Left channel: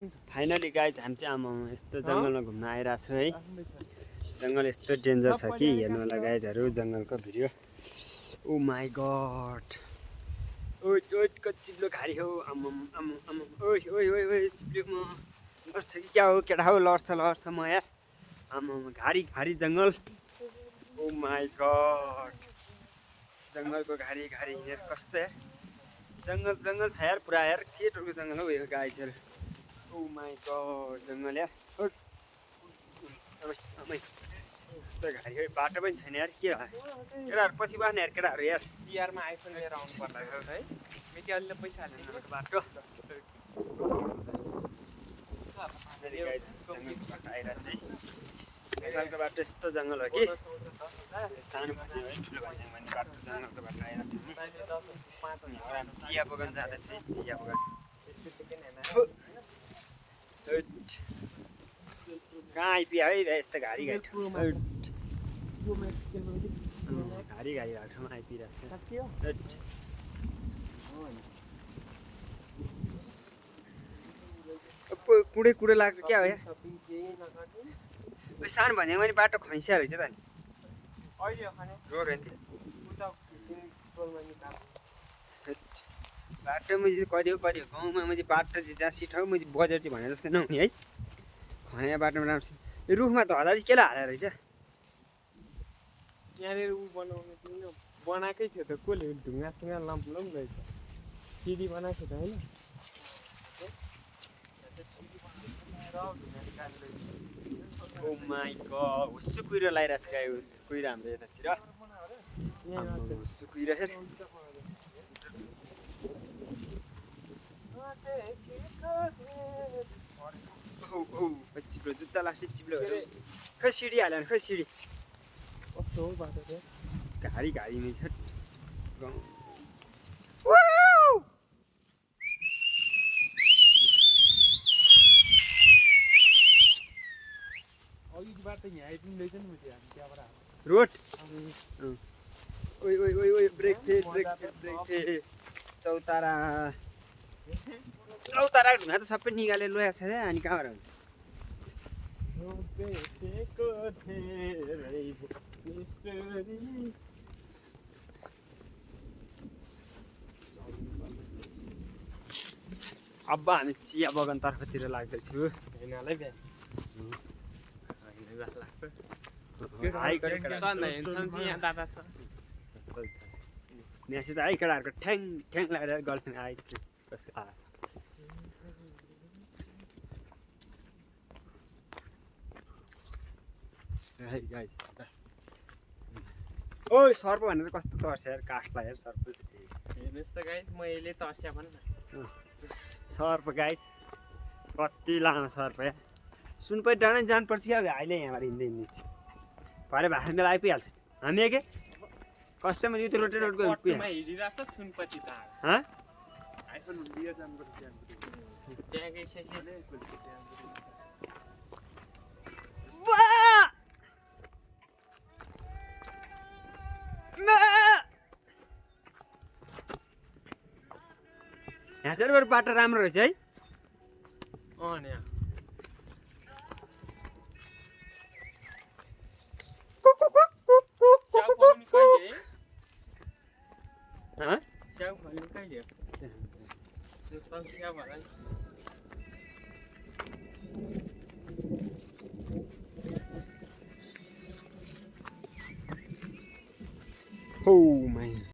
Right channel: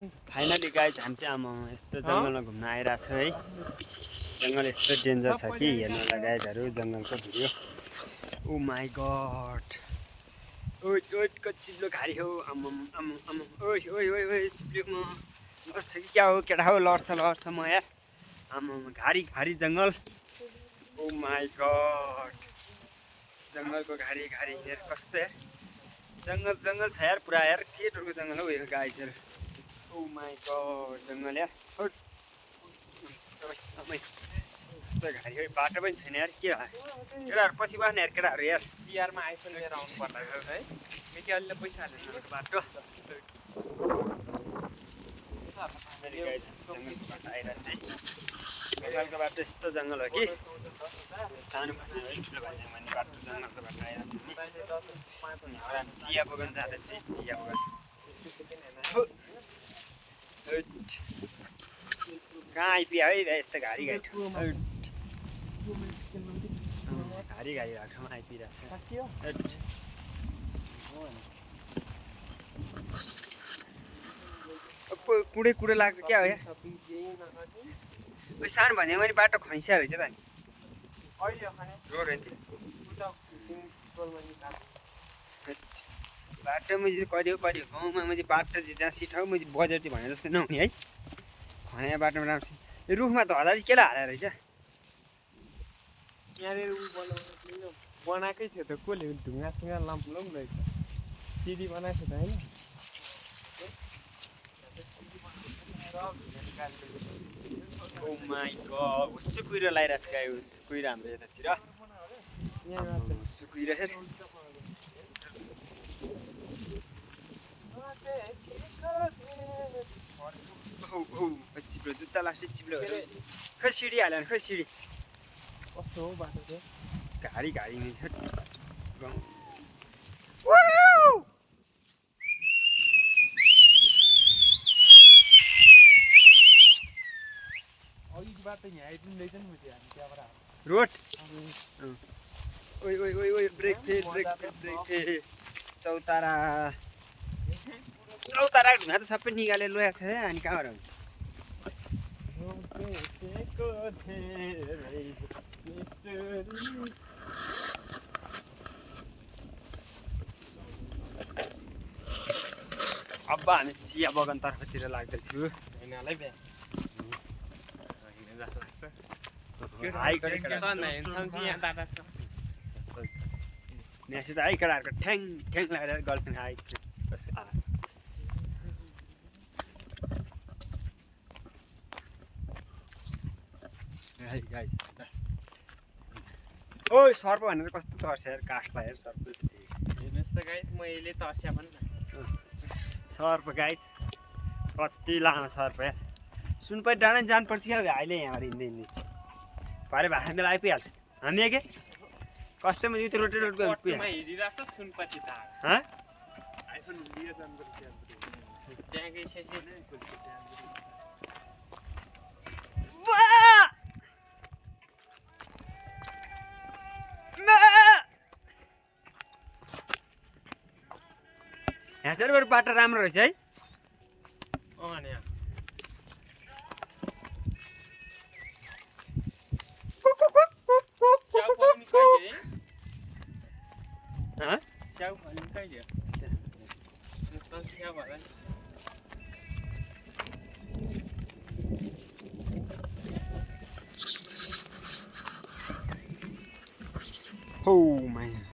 Finally guys हामी चाहिँ आमा यस्तो जङ्गलमा घुम्न आइरहेको छु है। जङ्गल यस्तो डेन्जर छ कि हेर्नु होला गाइजहरू जङ्गलको भिडियो। ओ माई गड, ओइ ओइ चिप्लो घारी हो। आमाम आमाम आमाम, ओइ ओइ ओइ ओइ चिप्लोमा बस्छ कि क्या हो केटा हो, लड्छ म यार। आमाम घारी घारी जङ्गल। ओ माई गड, जङ्गलको घारी घारी यार, कस्तो यार जङ्गल जङ्गल छ यार पुरा यार। के टोको जङ्गल हो यो गाइजहरू। ओ माई गड, जङ्गल यार। घारी बाटो पनि छैन यार, के केटाहरू पछि बस्ने यार केटाहरू यार। बिहारमा आइफोन लिएर आउनु पर्ला है, मेकेहरूले पैसा हाल्ने बाटो जङ्गलको बाटो यस्तो जङ्गल हो कि सानो भन्ने है ठुलो भन्ने बाटो जङ्गलको बाटो आइरहेको छ नि। चिया बगान जाँदैछ है, चिया बगान। कहाँ आइपुग्यो है यस्तो घारी घारी घारी घारी भएको ठाउँमा आइपुगिरहेको छ। कुडे कुडे लाग्छ क्या हो यार। सानो भन्यो भने बाटो खैसिया रहेछ त नि रोड होइन। बाटोमा चाहिँ कहिले कहिले गाउँमा मैले बाटो चाहिँ जहाँ सिट हो मैले बजार चाहिँ भने जस्तै नहुने है। खनाया बाटोमा राम्रो रुखमा त हल्दा चाहिँ केलाई हालेर रहेछ यहाँनिर ऊ बनाएकै थियो त, कसले ढुङ्गासुङ्गा लाम्पुलाम रहेछ, सिडी बनाएको थियो त होइन। ओ माई गड, हुस्सु कुहिरो लगाइरहेको छ गाई, हुस्सु कुहिरो हाम्रो यतातिर हुस्सु कुहिरो हेर। चिप्लो जुत्ता लास्टै चिप्लो खै सिडी हाल्यो खै सिडी कस्तो हो बाटो चाहिँ घारी घारी नै छ गाउँ। रोड ओइ ओइ ओइ ओइ brake fail brake fail brake fail. चौतारा चौतारा ढुङ्गा त सबै निकालेर ल्याएको छ क्या, अनि कहाँबाट हुन्छ। अब हामी चिया बगान तर्फतिर लाग्दैछु। हैनलाई बे लाग्छ म्यासेज आयो केटाहरूको ठ्याङ ठ्याङ लगाएर गर्लफ्रेन्ड आयो। ओइ सर्प भनेर कस्तो तर्छ यार, काठलाई यार सर्प। हेर्नुहोस् त गाइस, म यसले तर्स्या भन् न सर्प गाइस, कति लामो सर्प यार। सुनपरी डाँडै जानुपर्छ क्या अहिले, यहाँबाट हिँड्दै हिँड्दै भरे भाषा बेला आइपुगिहाल्छ हामी के कस्तैमा यो रोटे रोड हिँडिरहेको छ सुनपति त त्यहाँकै यहाँतिर बाटो राम्रो रहेछ है। च्याउ भन्ने कहिले Oh man.